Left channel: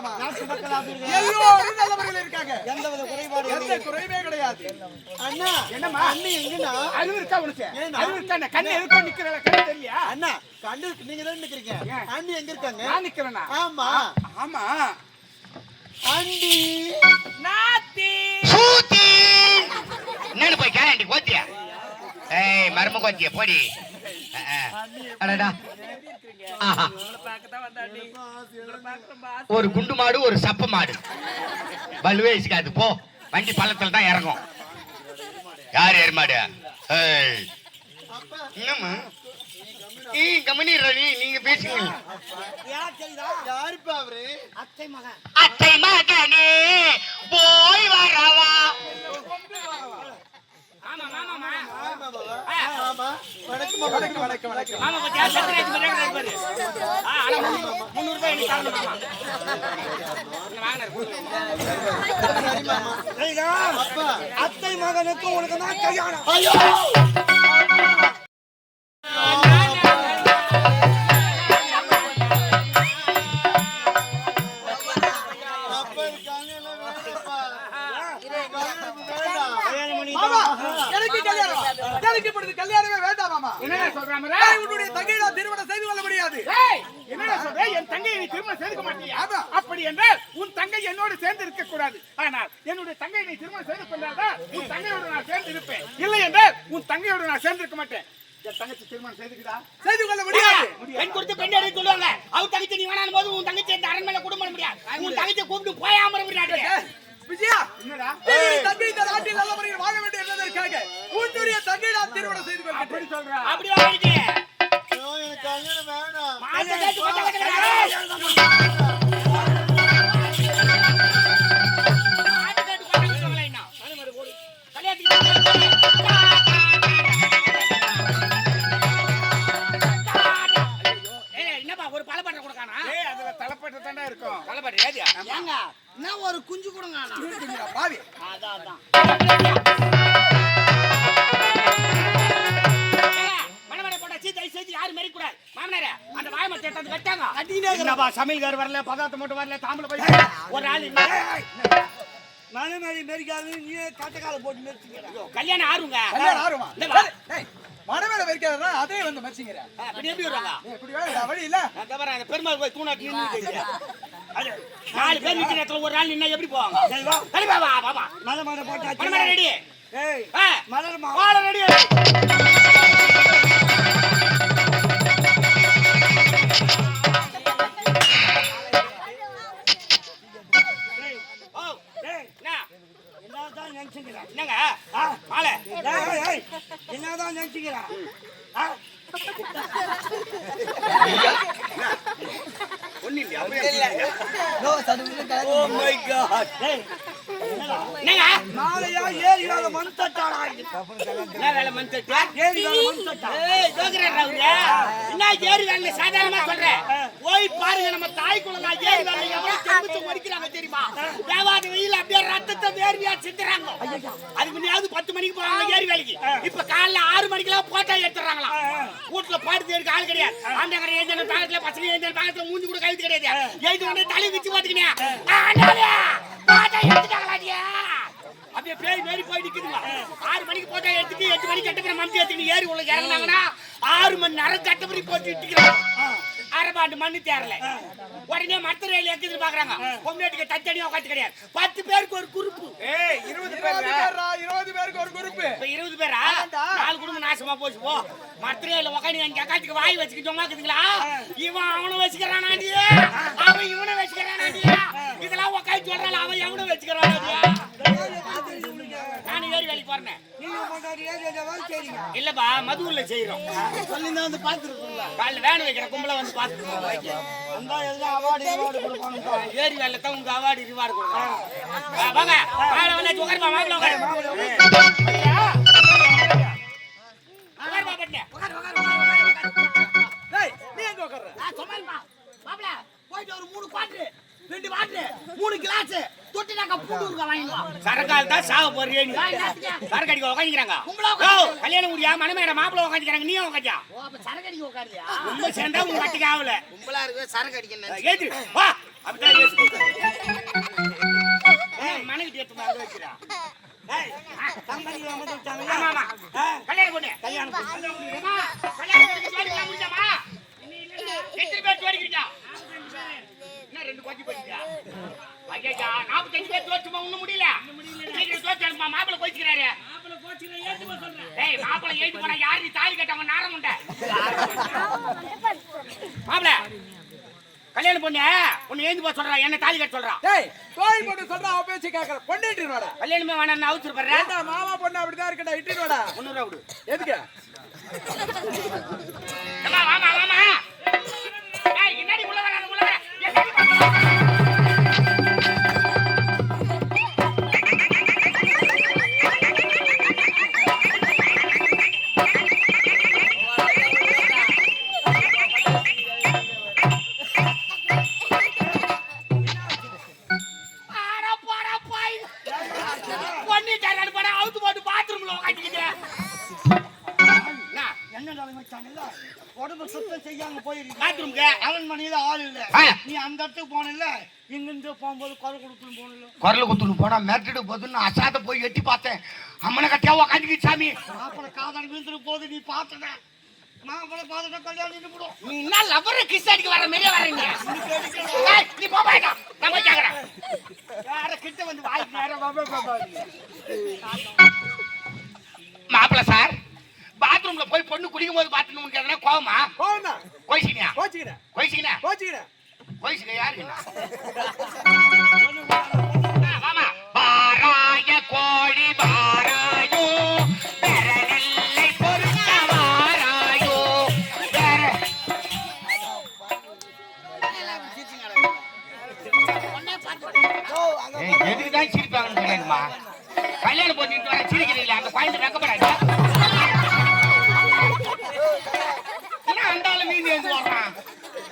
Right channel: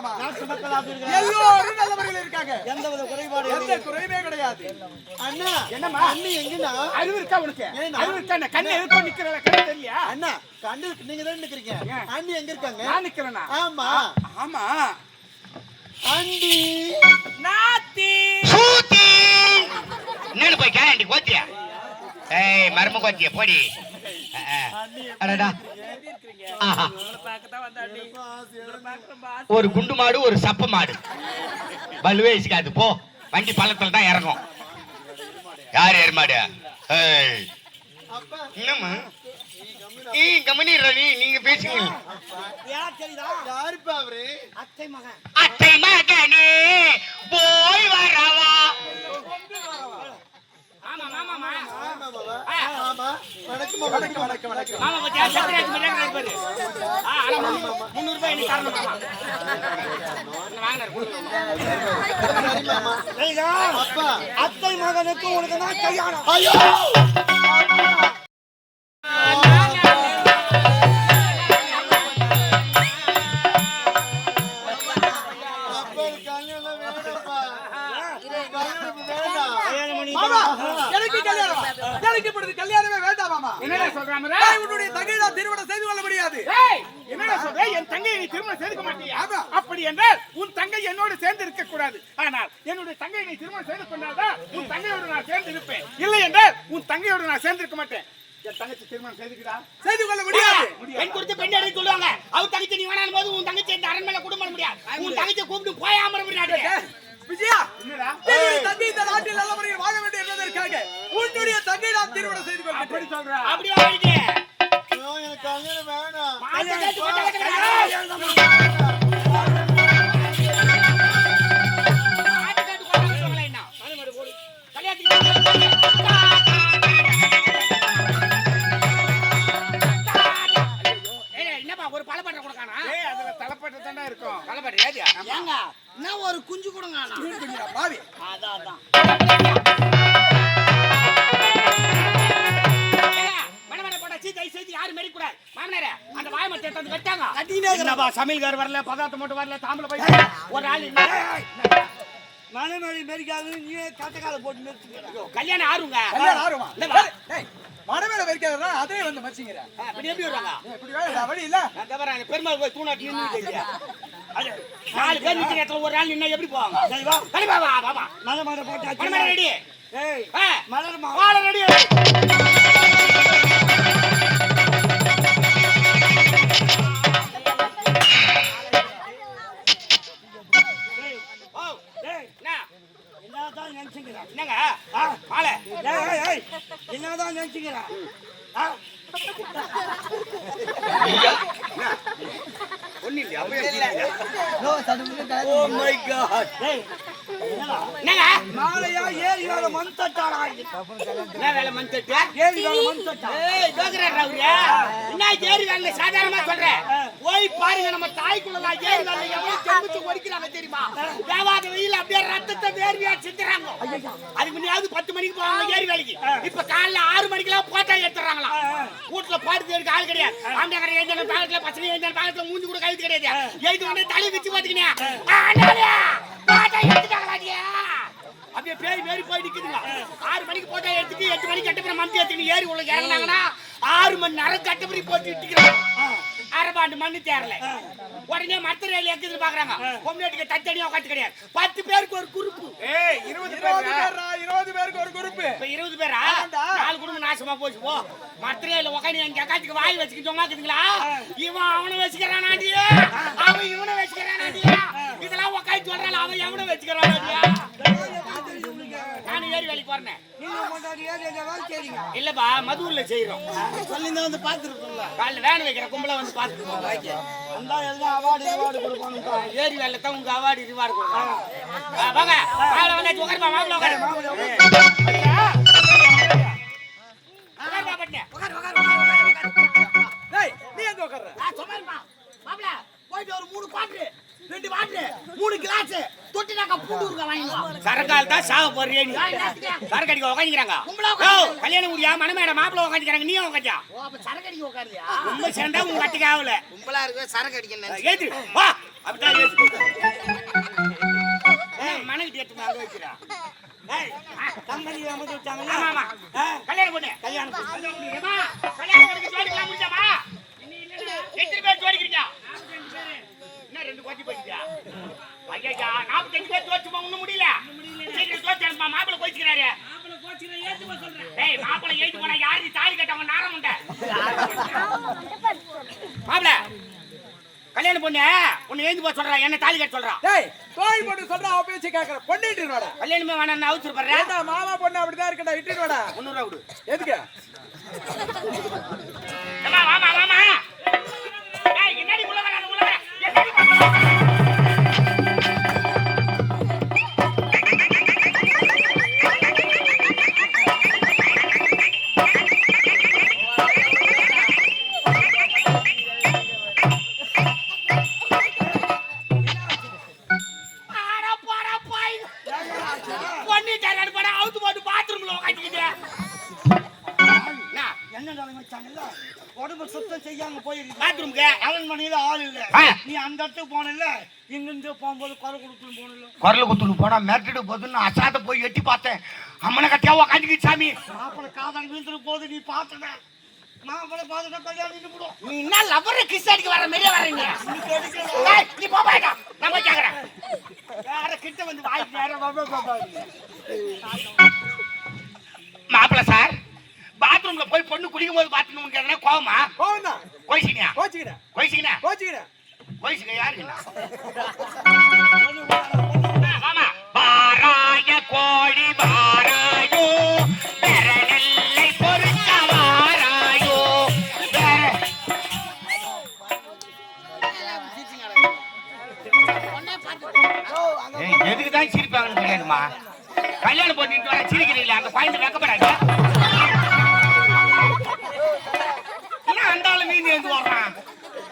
மாமா. நாட்டு மக்கள் அப்படி இருக்காங்க. எல்லோரும் நல்ல முறையில் இருக்காங்க. எந்த குறைபாடு எந்த குறையுமே கிடையாது. அண்ணா என்னம்மா அண்ணி எங்கண்ணா? அறிவு இருக்கா உனக்கு? அறிவு இருக்கா? கண்ணு எதுக்கோ நிக்கிற கண்ணு தெரியல. அண்ணா கண்டு நீங்க தான் நிக்கிறீங்க. அண்ணி எங்க இருக்காங்க? நான் நிக்கிறேனா? ஆமா ஆமா. அண்டி நாத்தி சூத்தி என்னன்னு போய் கேண்டி கோத்தியா? ஏய் மர்ம கோத்தியா போடி. அடடா ஒரு குண்டு மாடு ஒரு சப்ப மாடு பல்லுவே இசுக்காது. போ வண்டி பள்ளத்துல தான் இறங்கும். யார் ஏறுமாடு? என்னம்மா கம்பெனி நீங்க பேசுங்க. யாருப்பா அவரு? அத்தை மகனே போய் வரவா. ஆமா மாமா ஆமா வணக்கம் வணக்கம் வணக்கம் வணக்கம். மாமா கொஞ்சம் சத்திரேஜ் மிரேங்க பாரு. ஆனா 300 ரூபாய் எனக்கு தரணும் மாமா. வாங்குறாரு கொடுங்க. சரி மாமா. ஏய்டா அப்பா அத்தை மகனுக்கு உனக்கு நான் கல்யாணம். ஐயோ கல்யாணமே வேண்டாம் மாமா. என்னடா சொல்றாம? உன்னுடைய தங்கையை நான் திருமணம் செய்து கொள்ள முடியாது. என்னடா சொல்ற? என் தங்கையை நீ திருமணம் செய்துக்க மாட்டியா? அப்படி என்றால் உன் தங்கை என்னோடு சேர்ந்து இருக்க கூடாது. ஆனால் என்னுடைய தங்கையை நீ திருமணம் செய்து கொண்டாதான் உன் தங்கையோடு நான் சேர்ந்து இருப்பேன். இல்லை என்றால் உன் தங்கையோடு நான் சேர்ந்து இருக்க மாட்டேன். என் தங்கச்சி திருமணம் செய்து கொள்ள முடியாது. பெண் கொடுத்து பெண் எடுக்க சொல்லுவாங்க. அவர் தங்கச்சி நீ வேணாம் போது உன் தங்கச்சி இந்த அரண்மனை குடும்பம் முடியாது. உன் தங்கச்சி கூப்பிட்டு போயாம விஜயா, என்னுடைய தங்கை இந்த நாட்டில் நல்ல முறையில் வாழ வேண்டும் என்பதற்காக உன்னுடைய தங்கை நான் திருமணம் செய்து கொள்ள அப்படி சொல்றா? அப்படி வாங்கிட்டு எனக்கு கல்யாணம் வேணாம். என்னப்பா ஒரு பலப்பட்ட கொடுக்கானா? அதுல தலைப்பட்டு தாண்டா இருக்கும். பலப்பட்ட ஏங்க என்ன ஒரு குஞ்சு கொடுங்க. பாவி அதான் யாரு மெரி கூடாது. மாமனாரே அந்த வாயமத்தை எடுத்து கட்டாங்க. என்னப்பா சமையல்கார் வரல, பதார்த்தம் மட்டும் வரல, தாம்பல போய் ஒரு ஆள் மனமேரி மெரிக்காது நீ காட்டக்கால போட்டு நிறுத்திக்கற. கல்யாணம் ஆறுங்க. கல்யாணம் ஆறுமா? டேய் மனமேல வெர்க்கறா அதே வந்து மச்சிங்கற. அப்படி எப்படி வராங்க? இப்படி வேற வழி இல்ல. அங்க வராங்க பெருமாள் போய் தூணாட்டி நின்னுட்டீங்க. அட நாலு பேர் நிக்கிற இடத்துல ஒரு ஆள் நின்னா எப்படி போவாங்க? சரி வா. சரி வா வா வா. மலமட போட்டாச்சு. மலமட ரெடி. ஏய் மலர்மா வாழ ரெடி. என்னதான் நினைச்சுக்கிறா? என்னங்க மாலை என்னதான் நினைச்சுக்கிறா? ஒண்ணு இல்லையா? Oh my God. என்னங்க மாலையா ஏரியால மண் தட்டாளா? என்ன வேலை மண் தட்டு? ஏரியால மண் தட்டா? ஏய் ஜோகரா அவரு என்ன ஏரி வேலை சாதாரணமா சொல்றேன். போய் பாருங்க நம்ம தாய்க்குள்ள நான் ஏரி வேலை எவ்வளவு செம்புச்சு ஒடிக்கிறாங்க தெரியுமா? தேவாத வெயில் அப்படியே ரத்தத்தை வேர்வையா சிந்துறாங்க. அதுக்கு முன்னாடி 10 மணிக்கு போறாங்க ஏரி வேலைக்கு. இப்ப காலைல 6 மணிக்கெல்லாம் போட்டா எடுத்துறாங்களா? வீட்டுல பாடுது எடுக்க ஆள் கிடையாது. ஆண்ட கடை ஏஞ்சன பாக்கத்துல பசங்க ஏஞ்சன பாக்கத்துல மூஞ்சி கூட கைது கிடையாது. எழுதி வந்து தலை வச்சு பாத்துக்கினே போட்டா எடுத்துட்டாங்களாடியா? அப்படியே பேய் மேரி போய் நிக்குதுங்க. 6 மணிக்கு போட்டா எடுத்துட்டு 8 மணிக்கு கட்டப்பட மந்தி எடுத்துக்கிட்டு ஏறி உள்ள இறங்கினாங்கன்னா 6 மணி நேரம் கட்டப்படி போட்டு இட்டுக்கிறாங்க. அரபாண்டு மண்ணு தேரல. உடனே மத்த ரயில் எக்குது பாக்குறாங்க. பொம்மையட்டுக்கு தச்சடியா உட்காந்து கிடையாது. 10 பேருக்கு ஒரு குரூப். 20 பேருக்கு ஒரு குரூப். இப்ப 20 பேரா? 4 குடும்பம் நாசமா போச்சு. போ மத்த ரயில் உட்காந்து எங்க அக்காச்சுக்கு வாய் வச்சுக்கிட்டு சொன்னாக்குதுங்களா? இவன் அவனை வச்சுக்கிறானாடியே, அவன் இவனை வச்சுக்கிறானாடியே. இதெல்லாம் உட்காந்து சொல்றாள், அவன் எவனை வச்சுக்கிறானாடியா? நானும் ஏரி வேலைக்கு போறேன். நீங்க கொண்டாடி ஏரியா வேலை செய்றீங்க? இல்லப்பா மதுவுல செய்யறோம். சொல்லிதான் வந்து பாத்துருக்கீங்களா? காலைல வேன் வைக்கிற கும்பல வந்து பாத்துட்டு போங்க. அந்த எல்லாம் அவார்டு கொடுப்பாங்க. ஏரி வேலை தான் உங்க அவார்டு ரிவார்டு கொடுப்பாங்க. வாங்க காலைல வந்து உட்காருப்பா. மாப்பிள உட்காரு. டேய் நீ எங்க உட்கார்ற? சொன்னேன்ப்பா மாப்பிள போயிட்டு ஒரு 3 குவாட்டர் 2 வாட்டர் 3 கிளாஸ் தொட்டினாக்க பூண்டு ஊர்க்க வாங்கிடுவா. சரக்கால் தான் சாக போறியே நீ. சரக்கு அடிக்க உட்காந்துக்கிறாங்க. கல்யாணம் முடியா மனமேட மாப்பிள உட்காந்துக்கிறாங்க. நீ உட்காந்தா சரக்கு அடிக்க உட்காரியா? ரொம்ப சேர்ந்தா உங்க கட்டிக்கு ஆகல. கும்பலா இருக்கு சரக்கு அடிக்கணும். ஏத்து வா அப்படிதான் மனைவி எடுத்து அங்க வைக்கிறா. ஏய், தங்கச்சி அமர்ந்து வச்சாங்க. ஆமா, ஆமா. கல்யாணம் பண்ணு. கல்யாணம் பண்ணு. ஏம்மா, கல்யாணம் பண்ணி ஜோடிக்கலாம் முடிஞ்சாமா? எத்தனை பேர் ஜோடிக்கிறீங்க? என்ன 2 கோத்தி போயிட்டா? ஐயா, 45 பேர் ஜோடிச்சுமா ஒண்ணும் முடியல. சீக்கிரம் ஜோடி அனுப்பா, மாப்பிள்ளை கோச்சிக்கிறாரு. ஏய், மாப்பிள்ளை ஏத்தி போனா யாரு நீ தாலி கட்டவங்க நாரம் உண்ட. மாப்பிள்ளை கல்யாணம் பண்ணு. உன்னை ஏந்தி போக சொல்றா, என்ன தாலி கட்ட சொல்றா. டேய் தோய் போட்டு சொல்றா, அவ பேச்சு கேக்குற. பொண்ணிட்டு வாடா. கல்யாணமே வேணாம் அவுச்சு போடுற. ஏண்டா மாமா பொண்ணு அப்படிதான் இருக்கடா, இட்டிட்டு வாடா. 300 விடு. எதுக்கு? அம்மா வாமா வாமா. டேய் என்னடி உள்ள வராத உள்ள வர. என்னடி பண்ணு? உடம்பு சுத்தம் செய்யாம போயிருக்கீங்க. பாத்ரூம்க்கு அரண்மனையில ஆள் இல்ல. ஆ. நீ அந்த இடத்துக்கு போனல, இங்கிருந்து போகும்போது குரல் கொடுக்கணும் போனல. குரல் குத்துன்னு போனா மிரட்டிட்டு போதுன்னு அசாத போய் எட்டி பார்த்தேன். அம்மனை கட்டியா உக்காந்துக்கிட்டு சாமி. மாப்பிள்ளை காதல் விழுந்துட்டு போது நீ பார்த்தன. மாப்பிள்ளை பார்த்துட்டா கல்யாணம் நின்றுடும். நீ என்ன லவர் கிஸ் அடிக்க வர மாதிரியே வர நீ. டேய் நீ போ பாடா. நான் போய் கேக்குறேன். யார கிட்ட வந்து வாய் நேரா பாபா. மாப்பிள்ள சார், பாத்ரூம்ல போய் பொண்ணு குடிக்கும் போது பாத்துன்னு உனக்கு எதனா கோவமா? போனா கோயிச்சினியா? கோச்சிக்கிறேன் கோயிச்சிக்கினா? கோச்சிக்கிறேன். கோயிச்சிக்க யாருக்குண்ணா? வாமா. பாராய கோழி பாராயோ, வேற நெல்லை பொறுக்க வாராயோ, வேற எதுக்கு தான் சிரிப்பாங்கன்னு தெரியாதுமா. கல்யாணம் பண்ணிட்டு வர சிரிக்கிறீங்களா? அந்த குழந்தை வெக்கப்படாது. என்ன அந்த ஆளு மீந்து எழுந்து வர்றான்?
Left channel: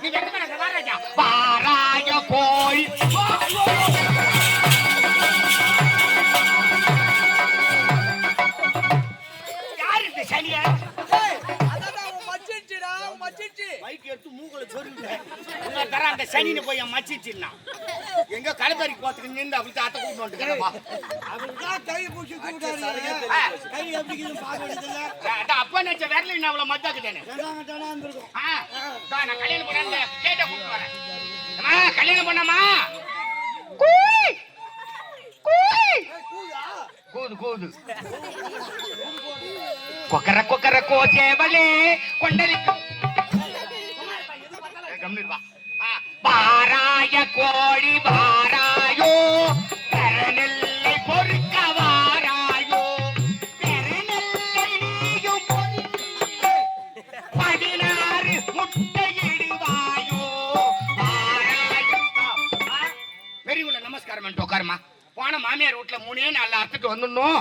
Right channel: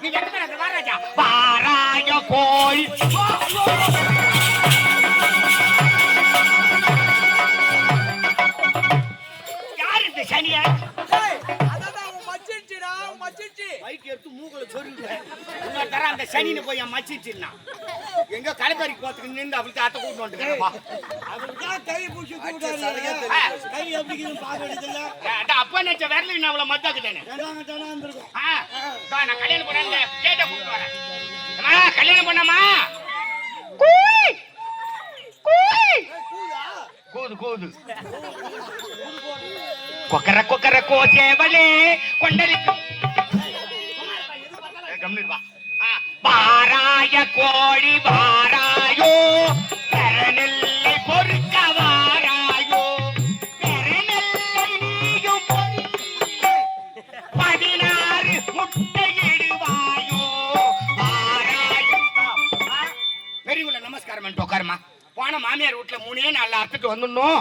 நீ வெக்கப்படாத வாராஜா. பாராய கோழி யாரு இந்த சனியா? டேய் அதான் அவன் மச்சிச்சிடா, அவன் மச்சிச்சி. மைக் எடுத்து மூக்குல சொருகுறேன். இன்னொரு தர அந்த சனின்னு போய் என் மச்சிச்சின்னா எங்க கலப்பறிக்கு போறதுக்கு நின்று அப்படி தாத்த கூட்டு வந்துக்கிறப்பா. அவருதான் கை பூச்சி கூடாது. கை எப்படி இருக்குன்னு பார்க்க வேண்டியதில்ல. அப்பா நினைச்ச விரல இன்னும் அவ்வளவு மத்தாக்குதானே. தானா இருந்திருக்கும். நான் கல்யாணம் பண்ண கேட்ட கூப்பிட்டு வரேன். அம்மா கல்யாணம் பண்ணாமா? கூது கூது கொக்கர கொக்கர கோச்சேவலே கொண்டலிக்கு கம்மிருவா. பாராய கோழி பாராயோ, பெறநெல்லை பொறுக்க வாராயோ, பெறநெல்லை நீயும் பொறுக்க 16 முட்டையிடுவாயோ, பாராயோ. பெரியவங்கள நமஸ்காரம் பண்ணிட்டு உட்காருமா. போன மாமியார் வீட்டுல 3 நாள் அறுத்துட்டு வந்துடணும்.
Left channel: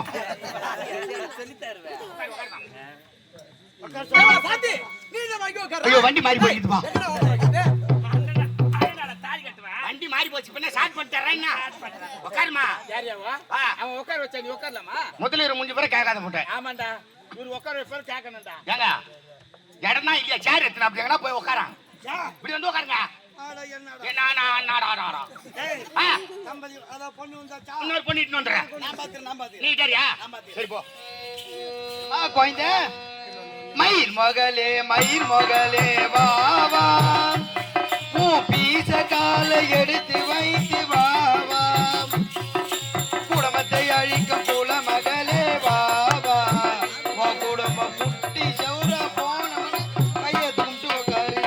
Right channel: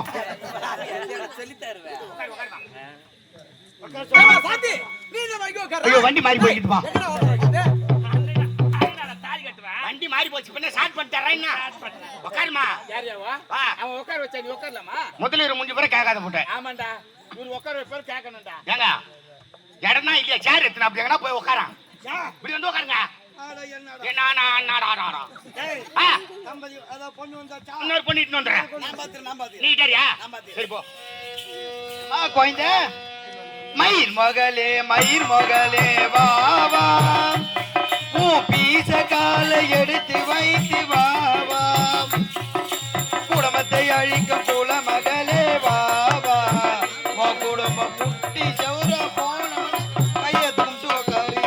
ஏம்மா, பாட்டி நீ தான் வாங்கி உட்காரு. ஐயோ வண்டி மாறி போயிட்டு வா. எங்கடா ஓடுறது? வண்டி மாறி போச்சு. பின்ன ஸ்டார்ட் பண்ணிட்டறேன். உட்காருமா. யாரியாவா? வா. அவன் உட்கார வச்சா நீ உட்காரலாமா? முதல்ல முடிஞ்ச பிறகு கேட்காத போட்டேன். ஆமாண்டா, இவரு உட்கார வைப்பாரு கேட்கணும்டா. ஏங்க இடம்னா இல்லையா? சேர் எடுத்துனா அப்படி எங்கன்னா போய் உட்காரான். இப்படி வந்து உட்காருங்க. ஆடா என்னடா. என்னடா டேய் தம்பதி அத பொண்ணு வந்தாச்சா. இன்னொரு பண்ணிட்டு வந்துடுறேன். நான் பாத்து. நீ சரியா? சரி போ. குழந்தை மயில் மகளே வா வா, உன் பீச காலை எடுத்து வைத்து வா வா, குடும்பத்தை அழிக்கும் குல மகளே வா வா, உன் குடும்பம் முட்டி சௌர போனவன கைய துண்டு உட்காரு.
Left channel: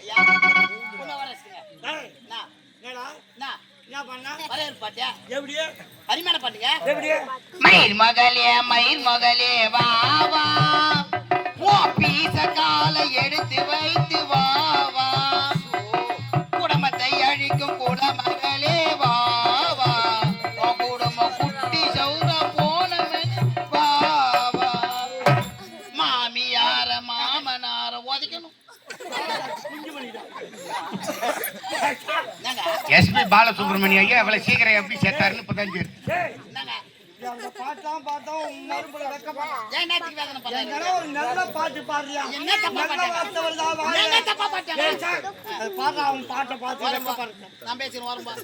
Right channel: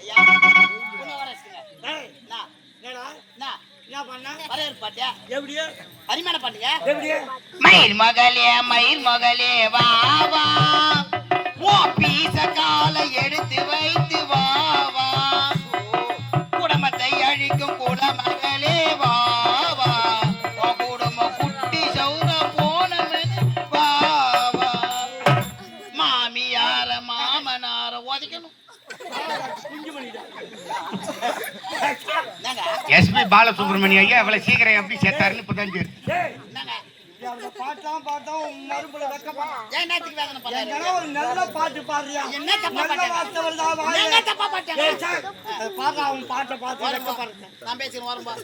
ஐயா உன்ன வரச்சுங்க. டேய் நான் என்னடா நான் என்ன பண்ணா? வரவேற்பு பாட்டியா எப்படி பரிமாணம் பண்ணுங்க. எப்படி மயில் மகளே வா வா, உன் பீச காலை எடுத்து வைத்து வா வா, குடும்பத்தை அழிக்கும் குல மகளே வா வா, உன் குடும்பம் குட்டி சௌர போனவன் வா வா, மாமியார மாமனார உதைக்கணும். குஞ்சு பண்ணிடா. என்னங்க எஸ்பி பாலசுப்ரமணிய ஐயா இவ்வளவு சீக்கிரம் எப்படி சேர்த்தாருன்னு இப்பதான் தெரியும். டேய் என்னங்க அந்த பாட்டெல்லாம் பார்த்தா உன் மறுபடியும் வெக்கப்பட்டான். ஏன் நாட்டுக்கு வேதனை பண்ற? எங்கன்னா ஒரு நல்ல பாட்டு பாடுறியா? என்ன தப்பா நல்ல பாட்டேன்? வார்த்தை வருதா வாயில? என்ன தப்பா பாட்டேன்? ஏய் சார், பாடுறா, அவன் பாட்டை பார்த்து வெக்கப்படுறேன். நான் பேசுறேன், வரம்பா.